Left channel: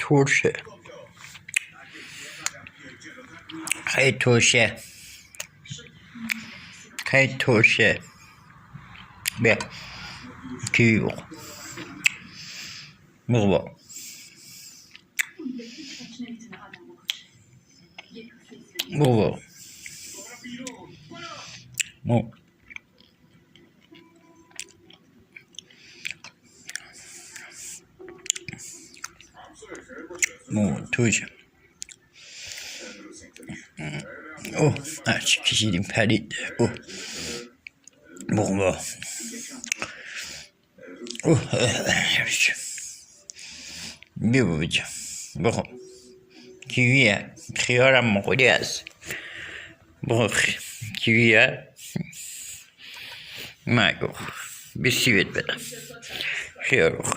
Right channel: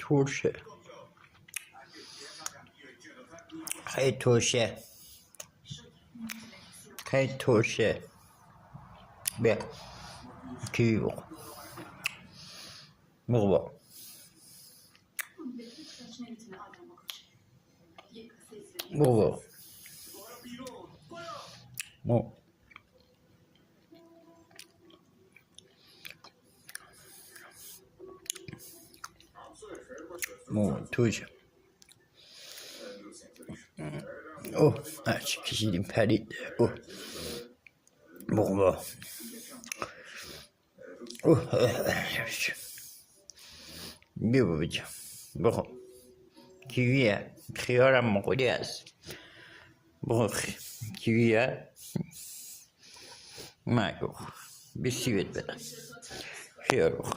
ترشه خیلی ترشه خیلی ترشه. بیا کیوی بخور بخور بخور توشه. اوه هرچی کشیدیم پرید. اوه بخور بیا بابا بخور. کیویه خیارم مقولی هست. بخور کیویه مگو بسی بهت بدم. خیار بخور.